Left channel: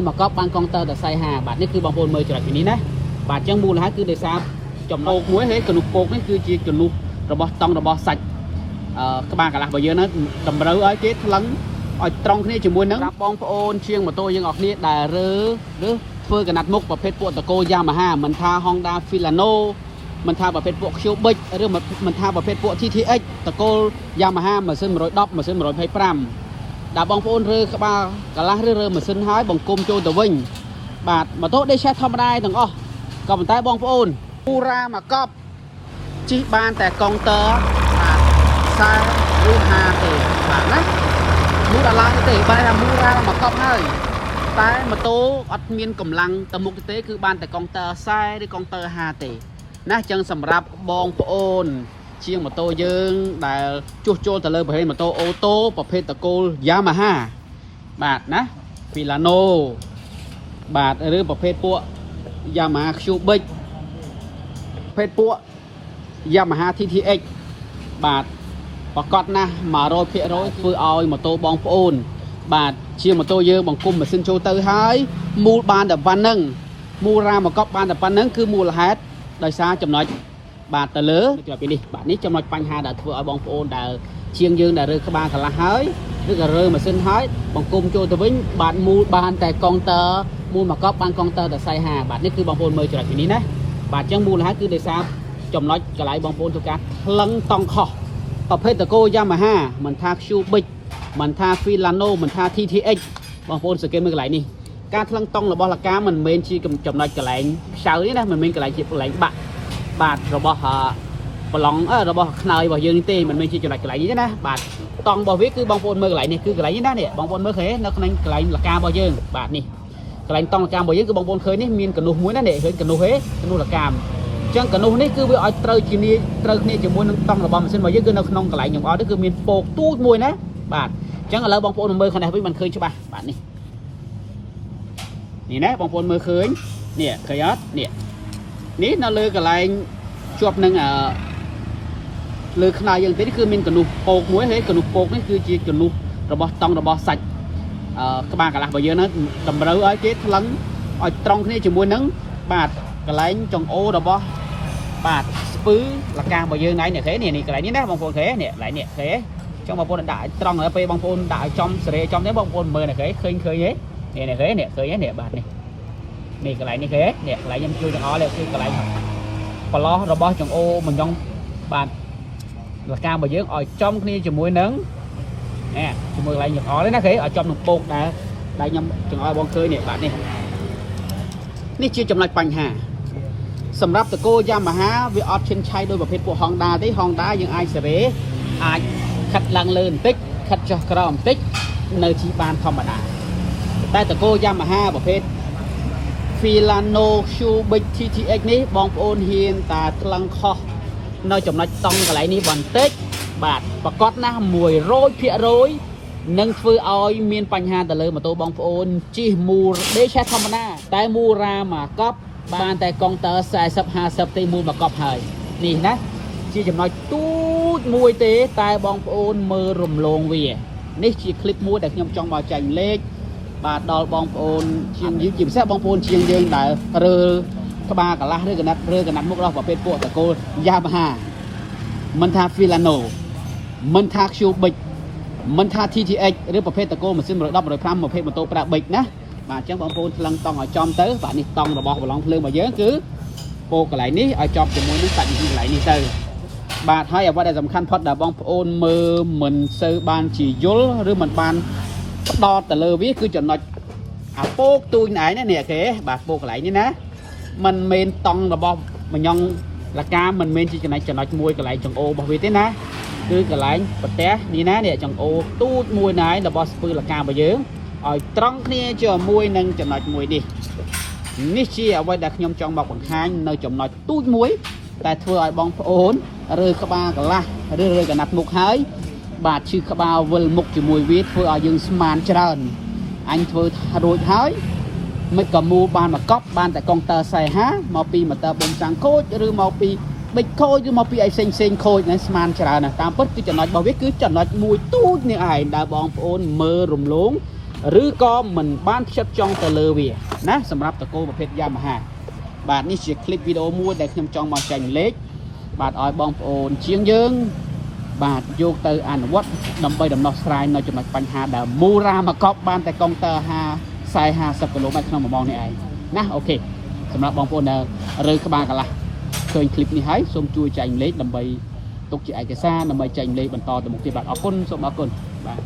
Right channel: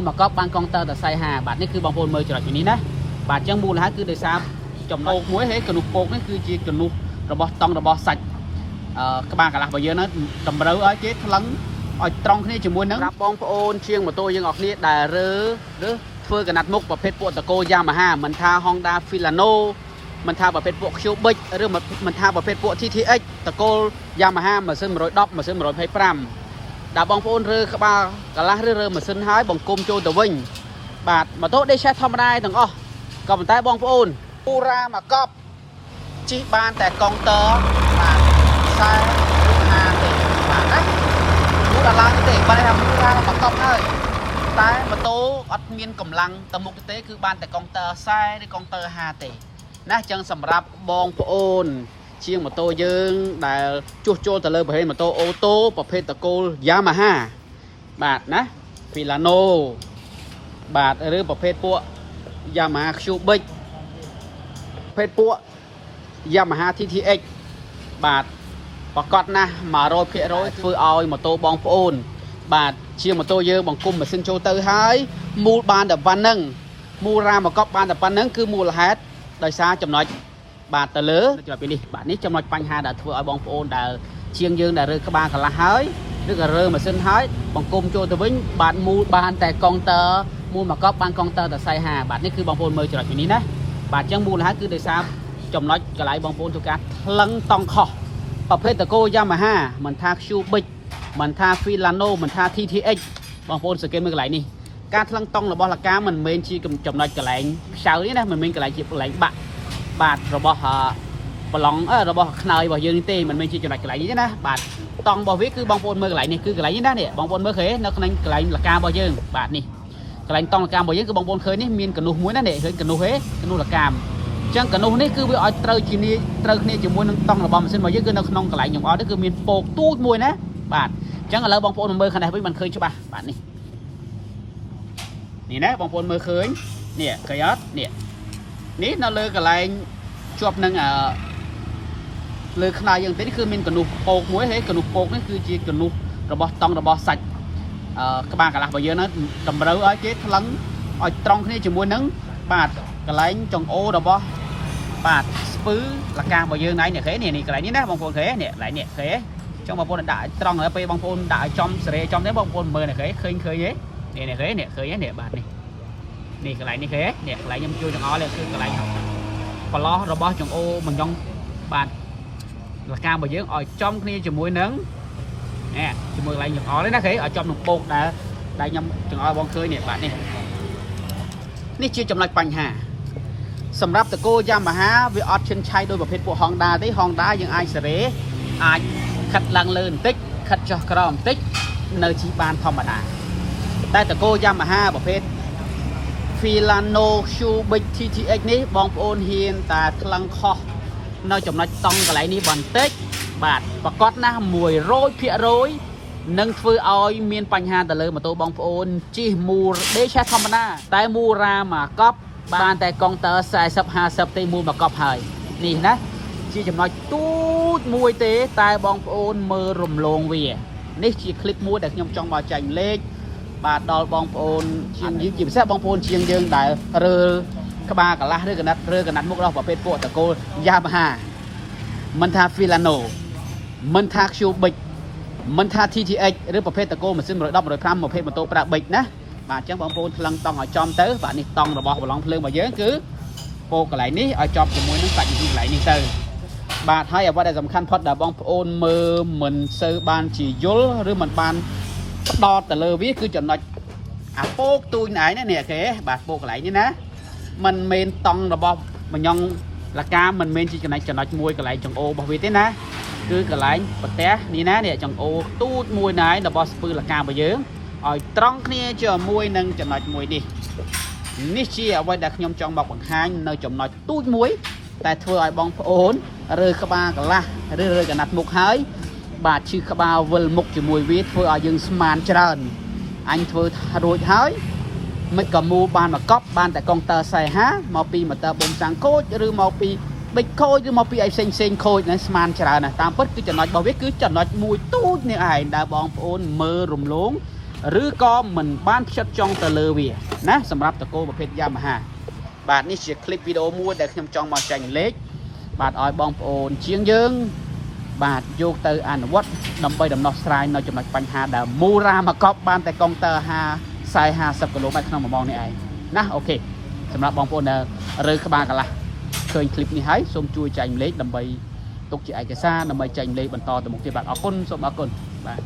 mà có ban con tơ từ sai hà bạnនេះគឺបងប្អូនមើលច្រកនេះណាបាទអញ្ចឹងមូលហេតុគឺដោយសារចំណុចមួយហើយកនុះពកនេះគឺជាកនុះរបស់តង់របស់សាច់ក្បាលកន្លះរបស់យើងហ្នឹងតម្រូវឲ្យគេថ្លឹងឲ្យត្រង់គ្នាជាមួយនឹងបងប្អូនជាងម៉ូតូយើងអស់គ្នាដែលរើធ្វើកណាត់មុខប្រភេទពួកតកូ Yamaha មិនថា Honda Filano មិនថាប្រភេទពួក Cubic ឬមិនថាប្រភេទពួក TTX តកូ Yamaha ម៉ាស៊ីន110ម៉ាស៊ីន125ដែលបងប្អូនរើក្បាលកន្លះឬរើម៉ាស៊ីនហើយបង្គុំចូលទៅវិញបាទម៉ូតូ Dash ធម្មតាទាំងអស់ក៏ប៉ុន្តែបងប្អូនមូរ៉ាមកកប់ជិះបានតែកុងទ័រ40ឬ50ទេបាទណាមូដល់ឡើងទេបែរមូរ៉ាមកកប់ហើយតែម៉ូតូអត់មានកម្លាំងទៅមុខទេគឺបានតែកុងទ័រ40ឬកុងទ័រ50ទេណាអញ្ចឹងសម្រាប់បងប្អូនជាងម៉ូតូយើងដែលជួសជុលទៅលើប្រភេទម៉ូតូអូតូប្រភេទតកូល Yamaha បាទណា Filano បាទឬប្រភេទពួក Yamaha Cubic ប្រភេទពួក Yamaha TTX បាទប្រកាសណាស់ 100% ធ្វើឲ្យម៉ូតូបងប្អូនបាទជាម៉ូតូយើងបង្គុំម៉ាស៊ីនចូលទៅហើយមូលបានតែប៉ុណ្្នឹងមូលរ៉ាមកកប់បានតែប៉ុណ្្នឹងគឺមូលហេតុដោយសារចំណុចបាទទៅលើចូលពីនេះបាទនេះចំណុចបញ្ហាដែលធ្វើឲ្យបងប្អូនដែលជាងយើងដែលរើក្បាលកន្លះហើយឬក៏រើម៉ាស៊ីនហើយបង្គុំចូលទៅវិញបាទមូលបានតែកុងទ័រមូលមកកប់បានកុងទ័រតែ40បាទនេះគឺបងប្អូនមើលចំណុចពីនេះណាបាទអញ្ចឹងមូលហេតុគឺដោយសារចំណុចកន្លែងបងប្អូនធ្វើការថ្លឹងតង់ខុសប្រភេទតកូ Yamaha មិនថា Cubic មិនថា Filano មិនថា TTX បងប្អូនសង្កេតមើលកន្លែងនេះការថ្លឹងតង់របស់លកាមិនមែនជាចំណុចកន្លែងខ្សៅទេណាមិនមែនកន្លែងជាកន្លែងបាក់បាទរបស់ប្រឡងរបស់ខ្នើយរបស់យើងទេមិនមែនជាចំណុចកន្លែងនេះទេណាបាទតង់របស់វាគឺបងប្អូនមើលកន្លែងនេះគឺកន្លែងនេះណានេះបងប្អូនមើលឃើញនៅក្នុងកន្លែងលការបស់យើងបាទនេះកន្លែងតង់លការបស់យើងគឺបងប្អូនឃើញនេះមានកនុះមួយណានេះឃើញកនុះទេកនុះលកាអញ្ចឹងកនុះនេះគឺវាឲ្យត្រូវគ្នាជាមួយនឹងតង់របស់ម៉ាស៊ីនរបស់យើងគឺនៅក្នុងកន្លែងខ្ញុំអត់ទេគឺមានពកទូចមួយណាបាទអញ្ចឹងឥឡូវបងប្អូនមើលខាងនេះវិញមិនឃើញច្បាស់បាទនេះណាបងប្អូនមើលឃើញនេះឃើញអត់នេះនៅលើកន្លែងជាប់នឹងលើខ្នើយយើងទេគឺមានកនុះពកមួយហើយកនុះពកនេះគឺជាកនុះរបស់តង់របស់សាច់ក្បាលកន្លះរបស់យើងហ្នឹងតម្រូវឲ្យគេថ្លឹងឲ្យត្រង់គ្នាជាមួយនឹងបាទកន្លែងចង្អូរបស់បាទស្ពឺលការបស់យើងនេះឃើញនេះកន្លែងនេះណាបងប្អូនឃើញនេះកន្លែងនេះឃើញចង់បងប្អូនដាក់ឲ្យត្រង់ហើយពេលបងប្អូនដាក់ឲ្យចំសេរីចំទេបងប្អូនមើលនេះឃើញទេនេះឃើញនេះបាទនេះកន្លែងនេះឃើញនេះកន្លែងខ្ញុំជួយទាំងអស់នេះគឺកន្លែងប្រឡោះរបស់ចង្អូមិនយ៉ងបាទលការបស់យើងឲ្យចំគ្នាជាមួយនឹងជាមួយកន្លែងចង្អល់ទេណាឃើញឲ្យចំនឹងពកដែរខ្ញុំចង្អល់បងឃើញនេះបាទនេះជាចំណុចបញ្ហាសម្រាប់តកូ Yamaha វាអត់ឈិនឆៃដោយប្រភេទពួក Honda ទេ Honda យើងអាចសេរីអាចខិតឡើងលើបន្តិចខិតចុះក្រោមបន្តិចនៅជិះបានធម្មតាតែតកូ Yamaha ប្រភេទ Filano Cubic TTX នេះបងប្អូនហ៊ានតែថ្លឹងខុសនៅចំណុចតង់កន្លែងនេះបន្តិចបាទប្រកាសណាស់ 100% នឹងធ្វើឲ្យមានបញ្ហាទៅលើម៉ូតូបងប្អូនជិះមូល Dash ធម្មតាតែមូរ៉ាមកកប់បានតែកុងទ័រ40 50ទេមូលមកកប់ហើយនេះណាជាចំណុចទូចមួយទេតែបងប្អូនមើលរំលងវានេះជាคลิปមួយដែលខ្ញុំចង់មកចែកម្លែកបាទដល់បងប្អូនជាងពិសេសបងប្អូនជាងយើងដែលរើក្បាលកន្លះឬកណាត់មុខរបស់ប្រភេទពួកតកូ Yamaha មិនថា Filano មិនថា Cubic មិនថា TTX ឬប្រភេទតកូម៉ាស៊ីន110 105ប្រភេទម៉ូតូប្រើប៊ិចណាបាទអញ្ចឹងបងប្អូនថ្លឹងតង់ឲ្យចំទៅបាទនេះតង់របស់ប្រឡងភ្លើងរបស់យើងគឺពោកន្លែងនេះឲ្យជាប់ជាមួយនឹងសាច់កន្លែងនេះទៅបាទហើយអ្វីដែលសំខាន់ផុតដែលបងប្អូនមើលមិនសូវបានជាយល់ឬមិនបានផ្ដោតទៅលើវាគឺចំណុចអាពោកទូចណែនេះគេបាទពោកកន្លែងនេះណាมันមែនតង់របស់មញងលកាមិនមែនជាចំណុចមួយកន្លែងចង្អូរបស់វាទេណាគឺកន្លែងប្រទះនេះណានេះចង្អូទូចមួយណែរបស់ស្ពឺលការបស់យើងឲ្យត្រង់គ្នាជាមួយនឹងចំណុចមួយនេះជាអ្វីដែលខ្ញុំចង់មកបង្ហាញនៅចំណុចទូចមួយតែធ្វើឲ្យបងប្អូនរើក្បាលកន្លះឬរើកណាត់មុខហើយបាទឈឺក្បាលវិលមុខជាមួយវាធ្វើឲ្យយើងស្មានច្រើនអញធ្វើរួចហើយមិនក៏មូបានមកកប់បានតែកុងទ័រ40មកពីម៉ូទ័រប៊ុំតាំងខូចឬមកពីប៊ិចខូចឬមកពីអីផ្សេងខូចហ្នឹងស្មានច្រើនណាស់តាមពិតគឺចំណុចរបស់វាគឺចំណុចមួយទូចនេះឯងដែលបងប្អូនមើលរំលង ឬក៏មិនបានផ្ចិតចង់ទៅលើវាណាសម្រាប់តកូប្រភេទយ៉ាម៉ាហាបាទនេះជាคลิปវីដេអូមួយដែលខ្ញុំចង់មកចែកម្លែកបាទឲ្យបងប្អូនជាងយើងបាទយកទៅអនុវត្តដើម្បីដំណោះស្រាយនៅចំណុចបញ្ហាដែលមូរ៉ាមកកប់បានតែកុងទ័រ50គីឡូម៉ែត្រក្នុង1ម៉ោងនេះឯងណាអូខេសម្រាប់បងប្អូនដែលរើក្បាលកន្លះឃើញคลิปនេះហើយសូមជួយចែកម្លែកដើម្បីទុកជាឯកសារដើម្បីចែកម្លែកបន្តទៅមុខទៀតបាទអរគុណសូមអរគុណបាទ